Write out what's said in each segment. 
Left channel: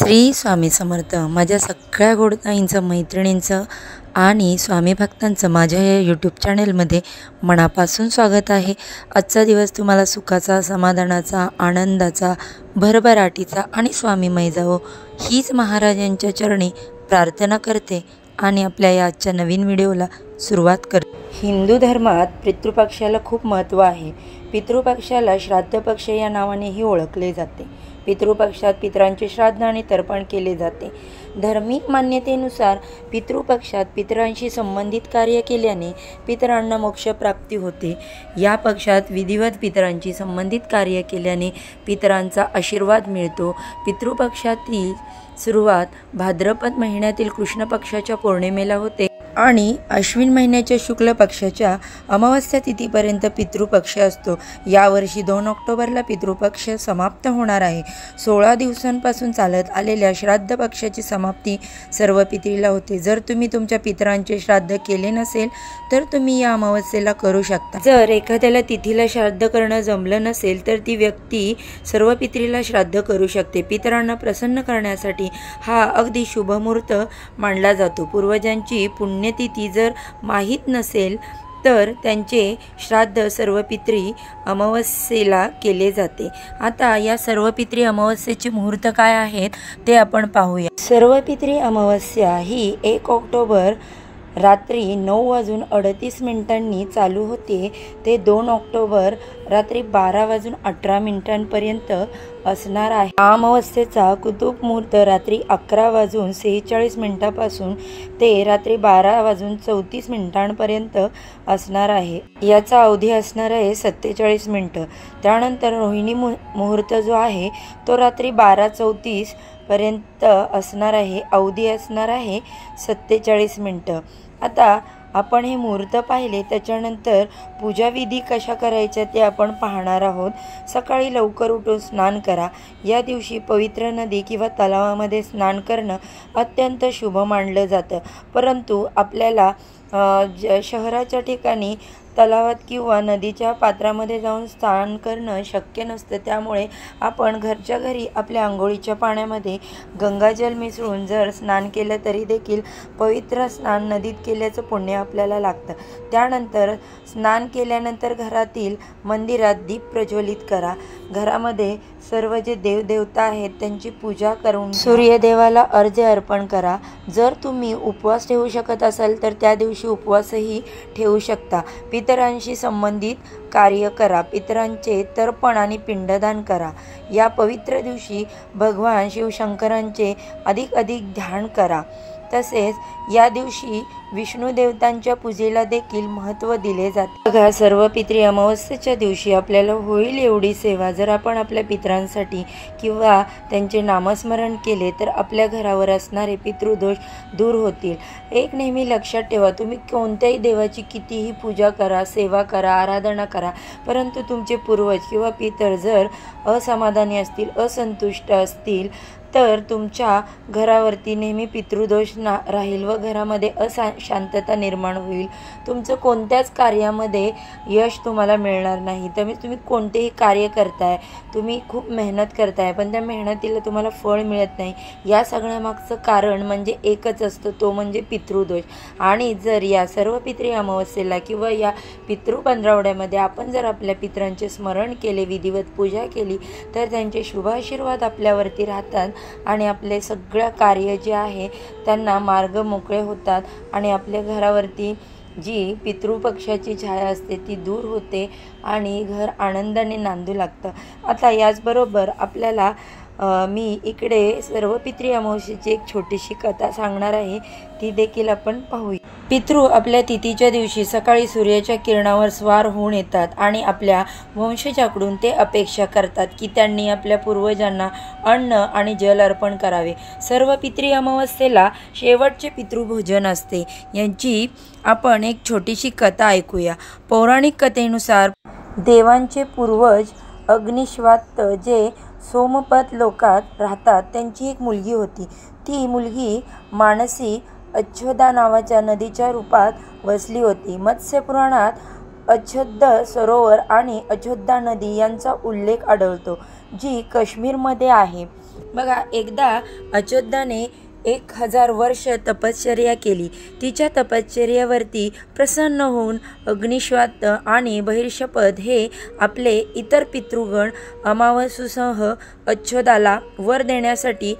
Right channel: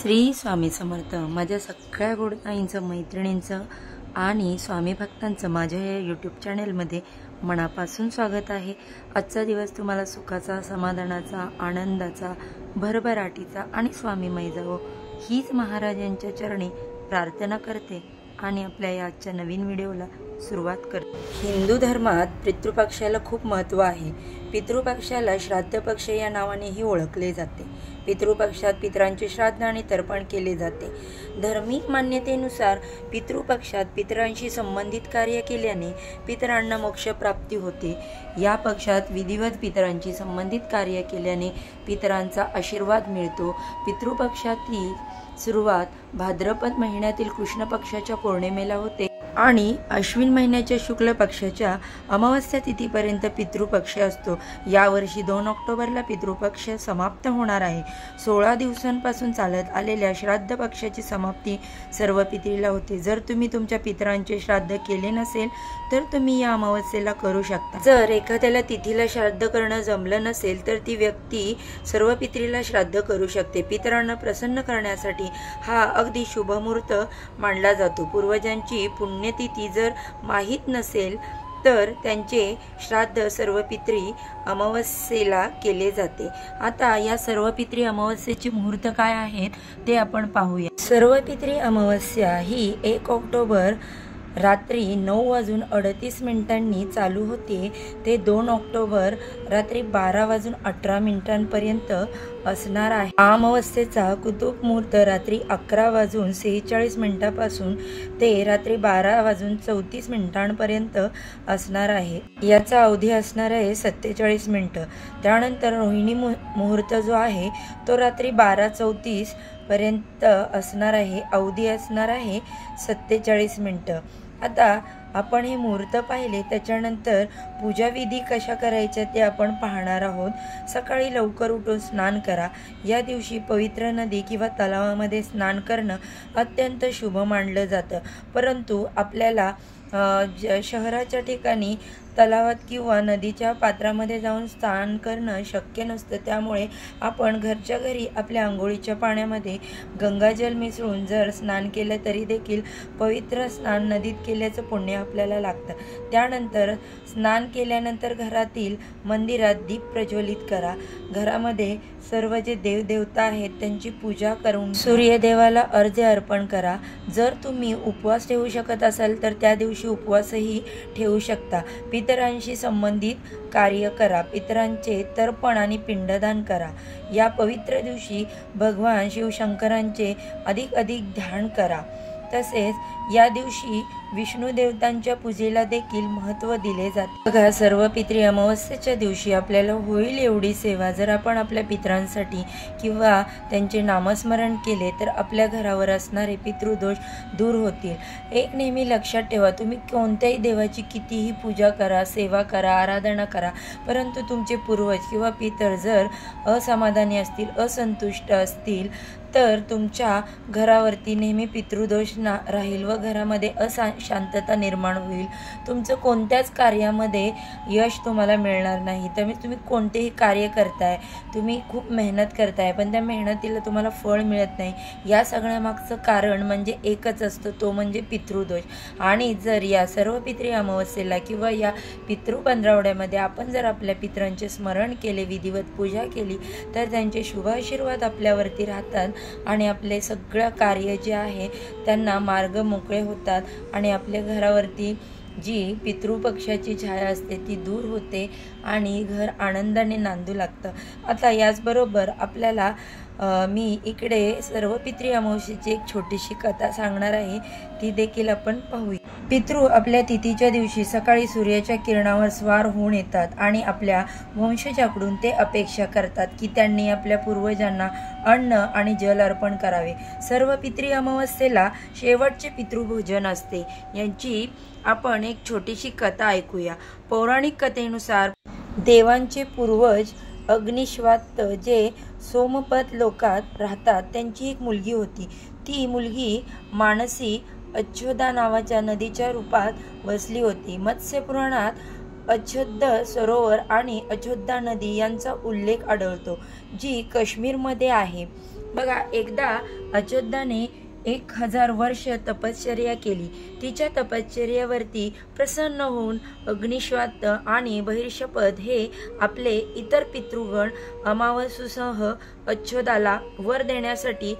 श्री स्वामी समर्थ। माझ्या सगळ्या गोडताईंचं, मैत्रिणींचं आणि स्वामी भक्तांचं माझ्या या यूट्यूब चॅनेलमध्ये मनापासून स्वागत आहे। आजचा दिवस तुम्हाला सुखाचा, समाधानाचा, आनंदाचा, भरभराटीचा आणि स्वामीमय जावो हीच महाराजांच्या चरणी प्रार्थना करते आणि आपल्या या आजच्या नवीन व्हिडिओला सुरुवात करते। हिंदू धर्मात पितृपक्षाला खूप महत्त्व आहे। पितृपक्षाला श्राद्ध पक्ष या नावानेही ओळखले जाते। पितृपक्षात पितरांचे श्राद्ध आणि तर्पण केले जाते। धार्मिक मान्यतेनुसार पितृपक्षात पितरांशी संबंधित कार्य केल्याने पितरांना मोक्ष प्राप्ती होते। या पक्षात विधिवत पितरांशी संबंधित कार्य केल्याने पितरांचा आशीर्वाद मिळतो। पितृपक्षातील सुरुवात भाद्रपद महिन्यातील कृष्ण पक्षाच्या पौर्णिमेला होते आणि अश्विन महिन्याच्या शुक्ल पक्षाच्या अमावस्या तिथीपर्यंत पितृपक्ष असतो। यावर्षी 2 ऑक्टोबरला पितृपक्ष समाप्त होणार आहे। 16 दिवसांपासून चालत आलेल्या श्राद्ध पक्षाची समाप्ती सर्व पितरीला होते। जर तुम्ही तुमच्या पितरांचे श्राद्ध केले नसेल तर तुम्ही या अमावस्येला करू शकता। जर एखाद्याला तिथीला श्राद्ध करणं जमलं नसेल तर ती व्यक्ती सर्व पितरीला श्राद्ध करू शकते। पितरांना प्रसन्न करण्यासाठी हा अगदी शुभ मुहूर्त मानला जातो। पूर्वजांची पुण्यतिथी जर माहीत नसेल तर त्यांचे श्राद्ध सर्व पितरी अमावस्येला केले जाते। आता या सर्व पितरी अमावस्येचे मुहूर्त काय आहेत ते आपण पाहूया। सर्व पितरी अमावस्या ही 1 ऑक्टोबर रात्री 9:38 चालू होते ते 2 ऑक्टोबर रात्री 12:18 असणार आहे। अमावस्येचा कुतुब मुहूर्त रात्री 11:46 पासून ते रात्री 12:34 असणार आहे। याचा अवधी असणार आहे 47 मिनिटं। त्यानंतर रोहिणी मुहूर्त जो आहे तो रात्री 12:34 पर्यंत असणार आहे। अवधी असणार आहे 47 मिनिटं। आता आपण हे मुहूर्त पाहिले, त्याच्यानंतर पूजाविधी कशा करायच्या ते आपण पाहणार आहोत। सकाळी लवकर उठून स्नान करा। या दिवशी पवित्र नदी किंवा तलावामध्ये स्नान करणं अत्यंत शुभ मानलं जातं, परंतु आपल्याला शहराच्या ठिकाणी तलावात किंवा नदीच्या पात्रामध्ये जाऊन स्नान करणं शक्य नसतं। त्यामुळे आपण घरच्या घरी आपल्या आंघोळीच्या पाण्यामध्ये गंगाजल मिसळून जर स्नान केलं तरी देखील पवित्र स्नान नदीत केल्याचं पुण्य आपल्याला लागतं। त्यानंतर स्नान केल्यानंतर घरातील मंदिरात दीप प्रज्वलित करा। घरामध्ये सर्व जे देवदेवता आहेत त्यांची पूजा करून सूर्यदेवाला अर्घ्य अर्पण करा। जर तुम्ही उपवास ठेवू शकत असाल तर त्या दिवशी उपवासही ठेवू शकता। पितरांशी संबंधित कार्य करा। पितरांचे तर्पण आणि पिंडदान करा। या पवित्र दिवशी भगवान शिवशंकरांचे अधिक ध्यान करा। तसेच या दिवशी विष्णू देवतांच्या पूजेला देखील महत्त्व दिले जाते। बघा, सर्व पितरी अमावस्येच्या दिवशी आपल्याला होईल एवढी सेवा जर आपण आपल्या पितरांसाठी किंवा त्यांचे नामस्मरण केले तर आपल्या घरावर असणारे पितृदोष दूर होतील। एक नेहमी लक्षात ठेवा, तुम्ही कोणत्याही देवाची कितीही पूजा करा, सेवा करा, आराधना करा, परंतु तुमचे पूर्वज किंवा पितर जर असमाधानी असतील, असंतुष्ट असतील तर तुमच्या घरावरती नेहमी पितृदोष राहील व घरामध्ये अशांतता निर्माण होईल। तुमचं कोणत्याच कार्यामध्ये यश तुम्हाला मिळणार नाही। तुम्ही कोणतेही कार्य करताय, तुम्ही खूप मेहनत करताय, पण त्या मेहनतीला तुम्हाला फळ मिळत नाही। या सगळ्यामागचं कारण म्हणजे एकच असतं, तो म्हणजे पितृदोष। आणि जर या सर्व पितरी अमावस्येला किंवा या पितृ पंधरवड्यामध्ये आपण जर आपल्या पितरांचे स्मरण केले, विधिवत पूजा केली तर त्यांचे शुभ आशीर्वाद आपल्यावरती राहतात आणि आपले सगळं कार्य जे आहे त्यांना मार्ग मोकळे होतात आणि आपल्या घरावरती जी पितृपक्षाची छाया असते ती दूर होते आणि घर आनंदाने नांदू लागतं। आता याचबरोबर आपल्याला मी इकडे सर्व पितरी अमावस्येची एक छोटीशी कथा सांगणार आहे, ती देखील आपण पाहूया। पितृ आपल्या तिथीच्या दिवशी सकाळी सूर्याच्या किरणावर स्वार होऊन येतात आणि आपल्या वंशजाकडून ते अपेक्षा करतात की त्यांनी आपल्या पूर्वजांना अन्न आणि जल अर्पण करावे। सर्व पितरी अमावस्येला शेवटचे पितृभोजन असते। यांची आपण एक छोटीशी कथा ऐकूया। पौराणिक कथेनुसार देवांचे पूर्वज अग्निश्वात जे सोमपत लोकात राहतात त्यांची एक मुलगी होती। ती मुलगी मानसी अच्छोदा नावाच्या नदीच्या रूपात वसली होती। मत्स्य पुराणात अच्छोद सरोवर आणि अच्छोदा नदी यांचा उल्लेख आढळतो, जी काश्मीरमध्ये आहे। बघा, एकदा अच्युताने 1000 वर्ष तपश्चर्या केली. तिच्या तपश्चर्येवरती प्रसन्न होऊन अग्निश्वात आणि बहिर्षपद हे आपले इतर पितृगण अमावस्येसह अच्युताला वर देण्यासाठी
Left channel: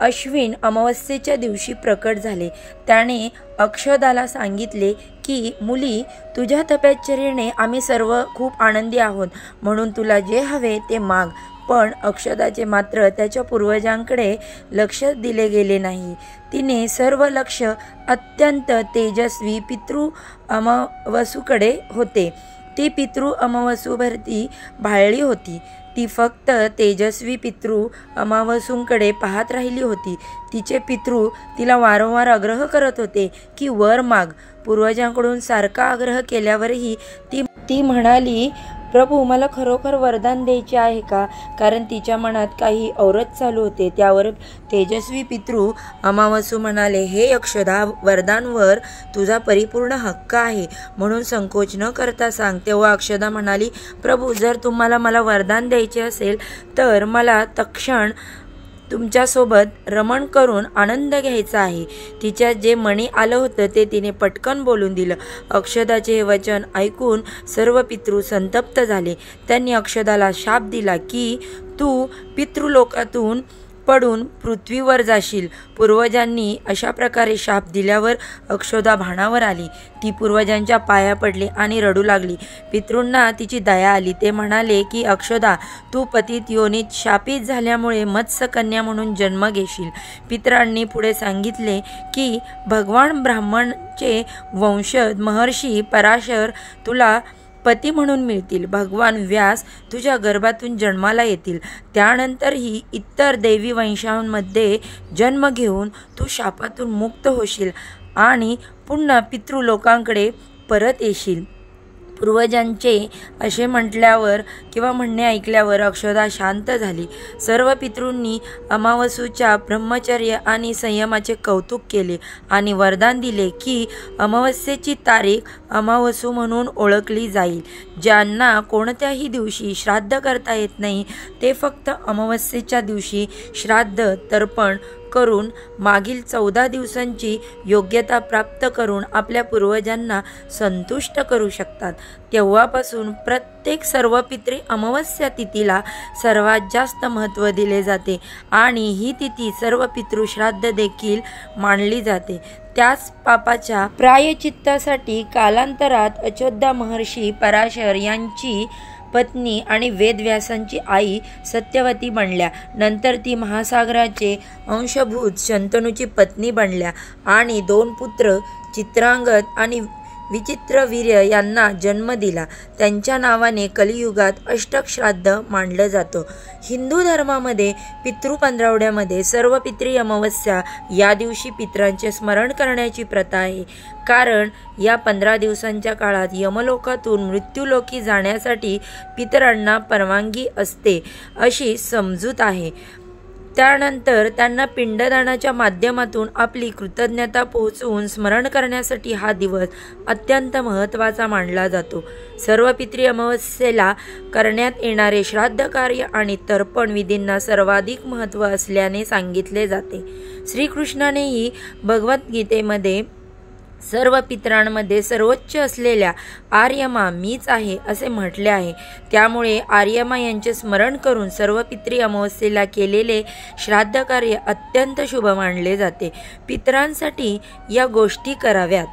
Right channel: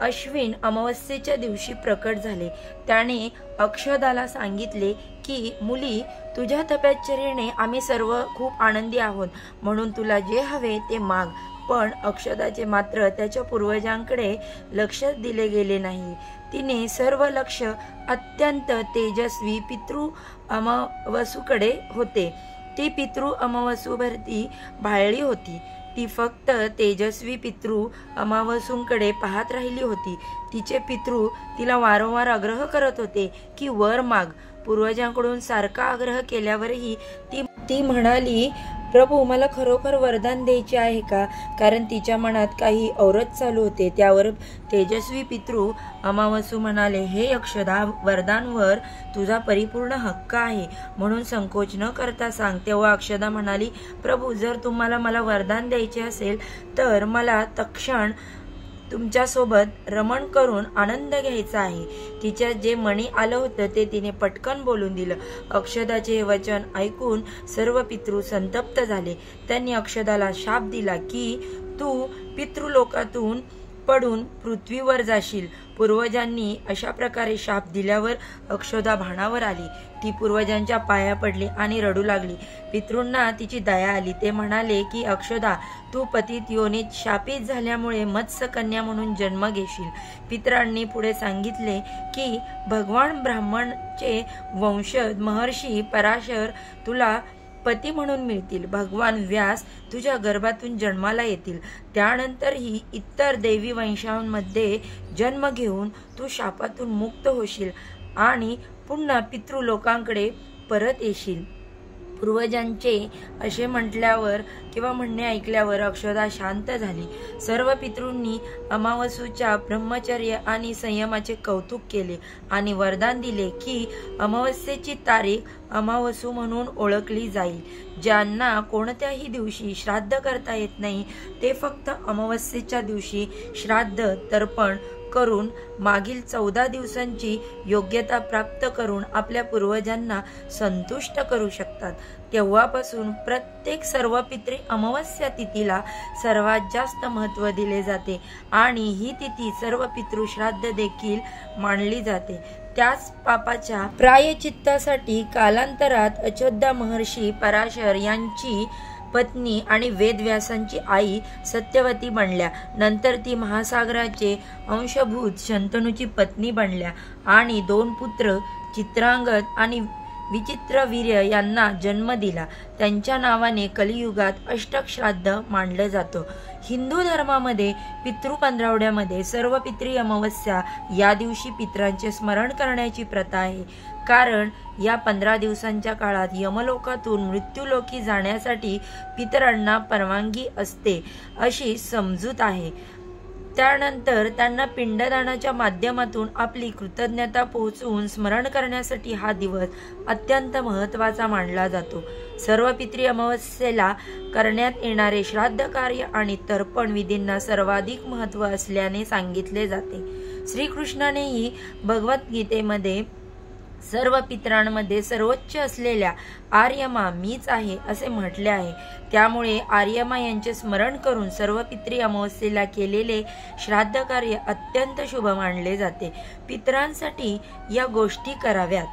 अश्विन अमावस्येच्या दिवशी प्रकट झाले. त्याने अक्षदाला सांगितले की मुली, तुझ्या तपश्चर्येने आम्ही सर्व खूप आनंदी आहोत, म्हणून तुला जे हवे ते माग. पण अक्षदाचे मात्र त्याच्या पूर्वजांकडे लक्ष दिले गेले नाही. तिने सर्व लक्ष अत्यंत तेजस्वी पितृ अमावसूकडे होते. ती पितृ अमावसूभरती भाळली होती. ती फक्त तेजस्वी पितृ अमावसूंकडे पाहत राहिली होती. तिचे पितृ तिला वारंवार आग्रह करत होते की वर माग. पूर्वजांकडून सारखा आग्रह केल्यावरही ती म्हणाली, प्रभू, मला खरोखर वरदान द्यायचे आहे का? कारण तिच्या मनात काही औरच चालू होते. त्यावर तेजस्वी पितृ अमावसू म्हणाले, हे अक्षदा, वरदानवर तुझा परिपूर्ण हक्क आहे, म्हणून संकोच न करता सांग. तेव्हा अक्षदा म्हणाली, प्रभू, जर तुम्हाला मला वरदान द्यायचे असेल तर मला तत्क्षण तुमच्यासोबत रमण करून आनंद घ्यायचा आहे. तिच्या जे मनी आलं होतं ते तिने पटकन बोलून दिलं. अक्षदाचे हे वचन ऐकून सर्व पितृ संतप्त झाले. त्यांनी अक्षदाला शाप दिला की तू पितृलोकातून पडून पृथ्वीवर जाशील. पूर्वजांनी अशा प्रकारे शाप दिल्यावर अक्षदा भानावर आली. ती पूर्वजांच्या पाया पडली आणि रडू लागली. पितृंना तिची दया आली. ते म्हणाले की अक्षदा, तू पतित योनीत शापित झाल्यामुळे मत्स्यकन्या म्हणून जन्म घेशील. पितरांनी पुढे सांगितले की भगवान ब्राह्मणचे वंशज महर्षी पराशर तुला पती म्हणून मिळतील. भगवान व्यास तुझ्या गर्भातून जन्माला येतील. त्यानंतरही इतर देवी वंशांमध्ये जन्म घेऊन तू शापातून मुक्त होशील आणि पुन्हा पितृलोकांकडे परत येशील. पूर्वजांचे असे म्हटल्यावर किंवा म्हणणे ऐकल्यावर अक्षदा शांत झाली. सर्व पितृंनी अमावसूच्या ब्रह्मचर्य आणि संयमाचे कौतुक केले आणि वरदान दिले की अमावस्येची तारीख अमावसू म्हणून ओळखली जाईल. ज्यांना कोणत्याही दिवशी श्राद्ध करता येत नाही ते फक्त अमावस्येच्या दिवशी श्राद्ध तर्पण करून मागील 14 दिवसांची योग्यता प्राप्त करून आपल्या पूर्वजांना संतुष्ट करू शकतात. तेव्हापासून प्रत्येक सर्व पितृ अमावस्या तिथीला सर्वात जास्त महत्त्व दिले जाते आणि ही तिथी सर्व पितृश्राद्ध देखील मानली जाते. त्याच पापाच्या प्रायश्चित्तासाठी कालांतरात अच्युत महर्षी पराशर यांची पत्नी आणि वेदव्यासांची आई सत्यवती बनल्या. नंतर ती महासागराचे अंशभूत शंतनूची पत्नी बनल्या आणि 2 पुत्र चित्रांगद आणि विचित्रवीर्य यांना जन्म दिला. त्यांच्या नावाने कलियुगात अष्टक श्राद्ध मानलं जातं. हिंदू धर्मामध्ये पितृ पंधरवड्यामध्ये सर्व पितृ अमावस्या या दिवशी पितरांचे स्मरण करण्याची प्रथा आहे. कारण या 15 दिवसांच्या काळात यमलोकातून मृत्यूलोकी जाण्यासाठी पितरांना परवानगी असते अशी समजूत आहे. त्यानंतर त्यांना पिंडदानाच्या माध्यमातून आपली कृतज्ञता पोहोचवून स्मरण करण्यासाठी हा दिवस अत्यंत महत्त्वाचा मानला जातो. सर्व पितृ अमावस्येला करण्यात येणारे श्राद्ध कार्य आणि तर्पण विधींना सर्वाधिक महत्त्व असल्याने सांगितले जाते. श्रीकृष्णानेही भगवद्गीतेमध्ये सर्व पितरांमध्ये सर्वोच्च असलेल्या आर्यमा मीच आहे असे म्हटले आहे. त्यामुळे आर्यमा यांचे स्मरण करून सर्व पितृ अमावस्येला केलेले श्राद्ध कार्य अत्यंत शुभ मानले जाते. पितरांसाठी या गोष्टी कराव्यात.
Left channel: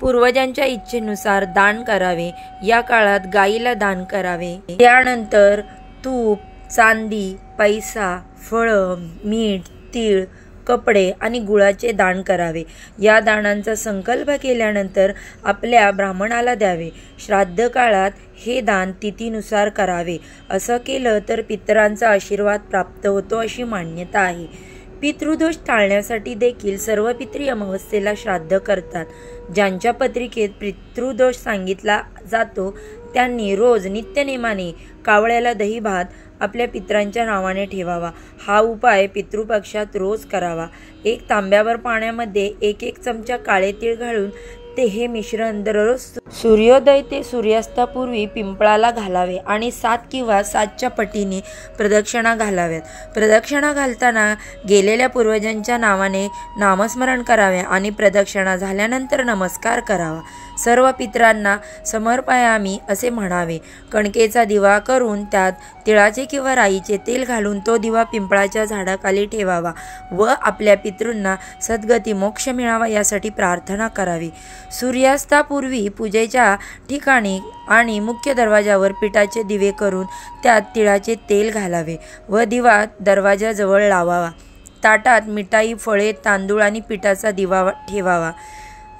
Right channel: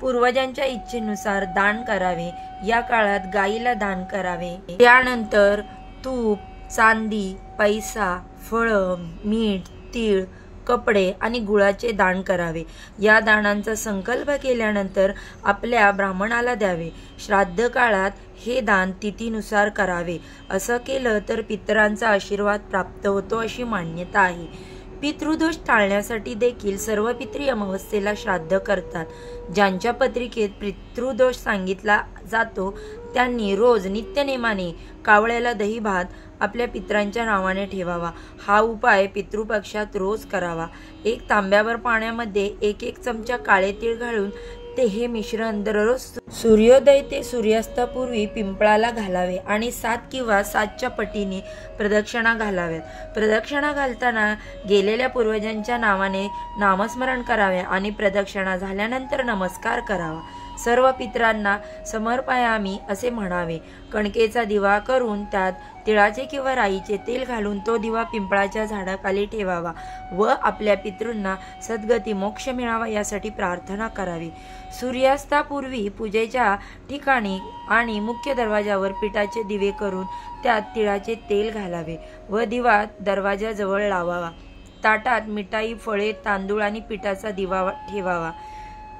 पूर्वजांच्या इच्छेनुसार दान करावे. या काळात गायीला दान करावे. त्यानंतर तूप, चांदी, पैसा, फळं, मीठ, तीळ, कपडे आणि गुळाचे दान करावे. या दानांचा संकल्प केल्यानंतर आपल्या ब्राह्मणाला द्यावे. श्राद्ध काळात हे दान तिथीनुसार करावे. असं केलं तर पितरांचा आशीर्वाद प्राप्त होतो अशी मान्यता आहे. पितृदोष टाळण्यासाठी देखील सर्व पितृ अमावस्येला श्राद्ध करतात. ज्यांच्या पत्रिकेत पितृदोष सांगितला जातो त्यांनी रोज नित्यनेमाने कावळ्याला दही भात आपल्या पितरांच्या नावाने ठेवावा. हा उपाय पितृपक्षात रोज करावा. 1 तांब्यावर पाण्यामध्ये 1 चमचा काळे तीळ घालून ते हे मिश्रण दररोज सूर्योदय ते सूर्यास्तापूर्वी पिंपळाला घालावे आणि 7 किंवा 7च्या पटीने प्रदक्षिणा घालाव्यात। प्रदक्षिणा घालताना गेलेल्या पूर्वजांच्या नावाने नामस्मरण करावे आणि प्रदक्षिणा झाल्यानंतर नमस्कार करावा। सर्व पितरांना समर्पयामी असे म्हणावे। कणकेचा दिवा करून त्यात तिळाचे किंवा राईचे तेल घालून तो दिवा पिंपळाच्या झाडाखाली ठेवावा व आपल्या पितृंना सद्गती मोक्ष मिळावा यासाठी प्रार्थना करावी। सूर्यास्तापूर्वी पूजेच्या ठिकाणी आणि मुख्य दरवाजावर पिठाचे दिवे करून त्यात तिळाचे तेल घालावे व दिवा दरवाजाजवळ लावावा। ताटात मिठाई, फळे, तांदूळ आणि पिठाचा दिवा ठेवावा।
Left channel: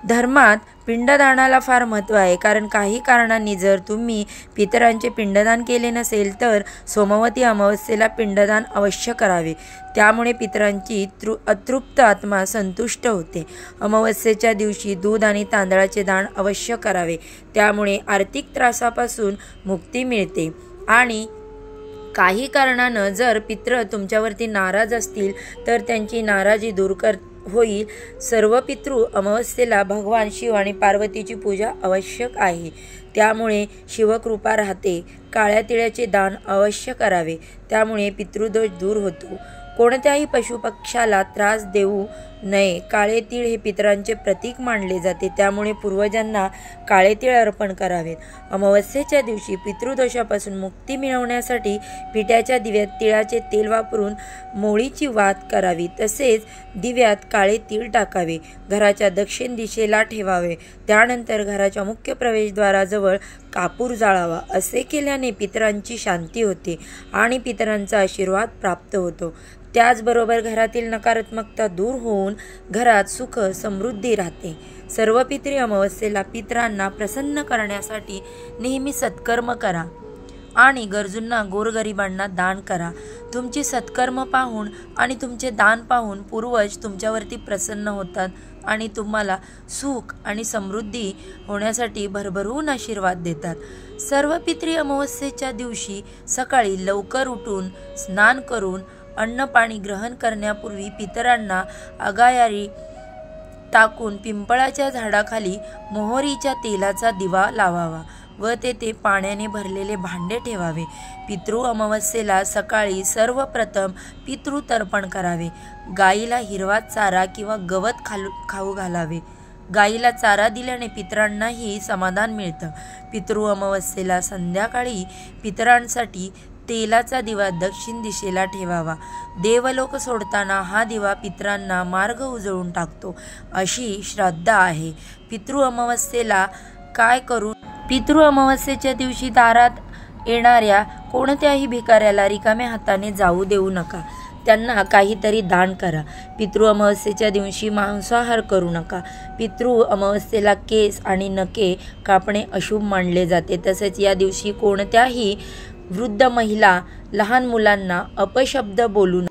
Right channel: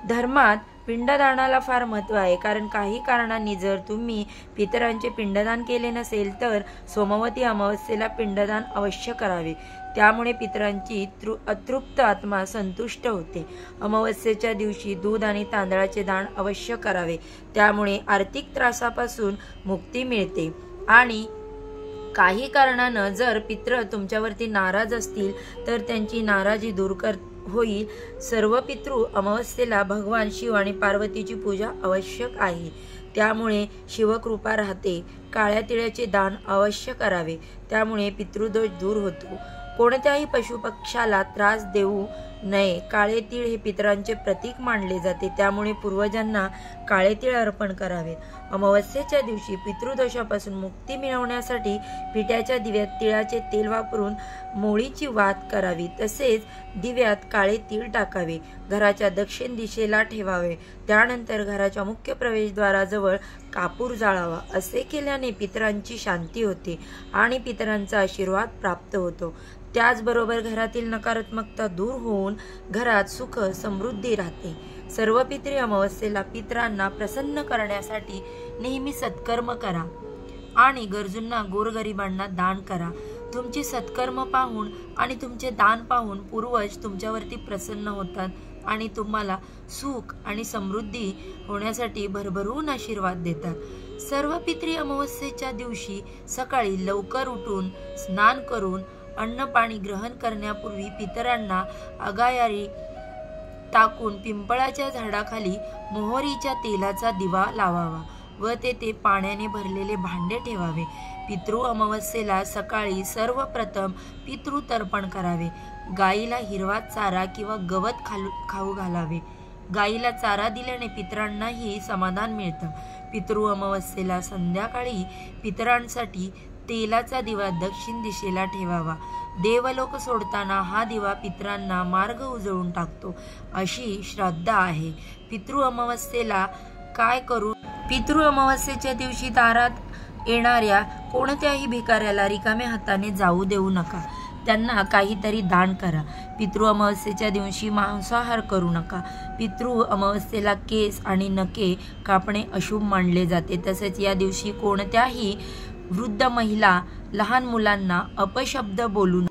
धर्मात पिंडदानाला फार महत्त्व आहे, कारण काही कारणांनी जर तुम्ही पितरांचे पिंडदान केले नसेल तर सोमवती अमावस्येला पिंडदान अवश्य करावे। त्यामुळे पितरांची अतृप्त आत्मा संतुष्ट होते। अमावस्येच्या दिवशी दूध आणि तांदळाचे दान अवश्य करावे, त्यामुळे आर्थिक त्रासापासून मुक्ती मिळते। आणि काही कारणानं जर पितृ तुमच्यावरती नाराज असतील तर त्यांची नाराजी दूर होईल। सर्व पितृ अमावस्येला भगवान शिव आणि पार्वतीची पूजा आवश्यक आहे, त्यामुळे शिवकृपा राहते। काळ्या तिळाचे दान अवश्य करावे, त्यामुळे पितृदोष दूर होतो। कोणत्याही पशुपक्षाला त्रास देऊ नये। काळे तीळ हे पितरांचे प्रतीक मानले जाते, त्यामुळे पूर्वजांना काळे तीळ अर्पण करावेत। अमावस्येच्या दिवशी पितृदोषापासून मुक्ती मिळवण्यासाठी पिठाच्या दिव्यात तिळाचे तेल वापरून मोळीची वात करावी, तसेच दिव्यात काळे तीळ टाकावे, घराच्या दक्षिण दिशेला ठेवावे। त्यानंतर घराच्या मुख्य प्रवेशद्वाराजवळ कापूर जाळावा। असे केल्याने पितरांची शांती होते आणि पितरांचा आशीर्वाद प्राप्त होतो। त्याचबरोबर घरातील नकारात्मकता दूर होऊन घरात सुख समृद्धी राहते। सर्व पितरी अमावस्येला पितरांना प्रसन्न करण्यासाठी नेहमी सत्कर्म करा आणि गरजूंना गोरगरिबांना दान करा। तुमची सत्कर्म पाहून आणि तुमचे दान पाहून पूर्वज तुमच्यावरती प्रसन्न होतात आणि तुम्हाला सुख आणि समृद्धी होण्यासाठी भरभरून आशीर्वाद देतात। सर्व पितरी अमावस्येच्या दिवशी सकाळी लवकर उठून स्नान करून अन्न पाणी ग्रहण करण्यापूर्वी पितरांना अगायारी टाकून पिंपळाच्या झाडाखाली मोहरीच्या तेलाचा दिवा लावावा व तेथे पाण्याने भरलेले भांडे ठेवावे। पितृ अमावस्येला सकाळी सर्वप्रथम पितृतर्पण करावे। गाईला हिरवा चारा किंवा गवत खाऊ घालावे। गाईला चारा दिल्याने पितरांनाही समाधान मिळतं। पितृ अमावस्येला संध्याकाळी पितरांसाठी तेलाचा दिवा दक्षिण दिशेला ठेवावा। देवलोक सोडताना हा दिवा पितरांना मार्ग उजळून टाकतो, अशी श्रद्धा आहे। पितृ अमावस्येला काय करू? पितृ अमावस्येच्या दिवशी दारात येणाऱ्या कोणत्याही भिकाऱ्याला रिकाम्या हाताने जाऊ देऊ नका, त्यांना काहीतरी दान करा। पितृ अमावस्येच्या दिवशी मांसाहार करू नका। पितृ अमावस्येला केस आणि नखे कापणे अशुभ मानले जाते। तसेच या दिवशी कोणत्याही वृद्ध महिला, लहान मुलांना अपशब्द बोलू नये।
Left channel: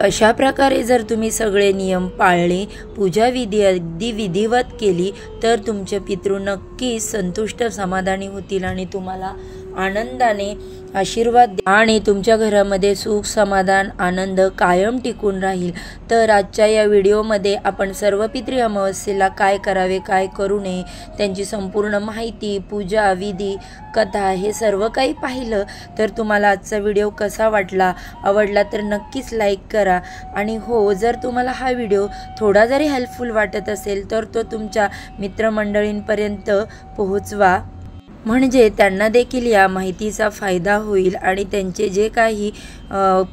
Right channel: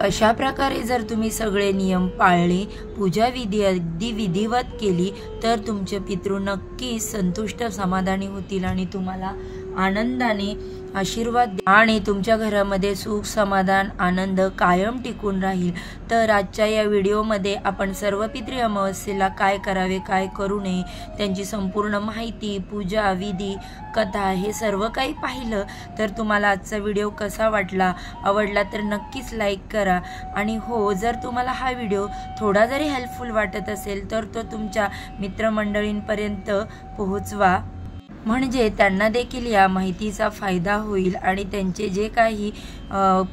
अशा प्रकारे जर तुम्ही सगळे नियम पाळले, पूजा विधी अगदी विधिवत केली तर तुमचे पितृ नक्कीच संतुष्ट समाधानी होतील आणि तुम्हाला आनंदाने आशीर्वाद आणि तुमच्या घरामध्ये सुख, समाधान, आनंद कायम टिकून राहील। तर आजच्या या व्हिडिओमध्ये आपण सर्व पितृ अमावस्येला काय करावे, काय करू नये, त्यांची संपूर्ण माहिती, पूजा विधी, कथा हे सर्व काही पाहिलं। तर तुम्हाला आजचा व्हिडिओ कसा वाटला? आवडला तर नक्कीच लाईक करा आणि हो, जर तुम्हाला हा व्हिडिओ थोडा जरी हेल्पफुल वाटत असेल तर तो तुमच्या मित्रमंडळींपर्यंत पोहोचवा, म्हणजे त्यांना देखील या माहितीचा फायदा होईल आणि त्यांचे जे काही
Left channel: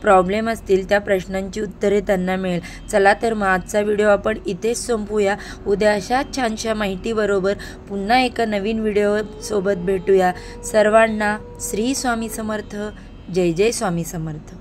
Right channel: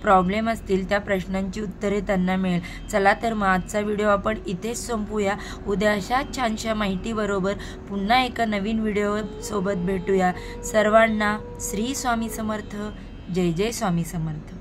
प्रॉब्लेम असतील त्या प्रश्नांची उत्तरे त्यांना मिळेल। चला तर मग आजचा व्हिडिओ आपण इथेच संपवूया। उद्या अशाच छानशा माहितीबरोबर पुन्हा एका नवीन व्हिडिओ सोबत भेटूया। सर्वांना श्री स्वामी समर्थ। जय जय स्वामी समर्थ।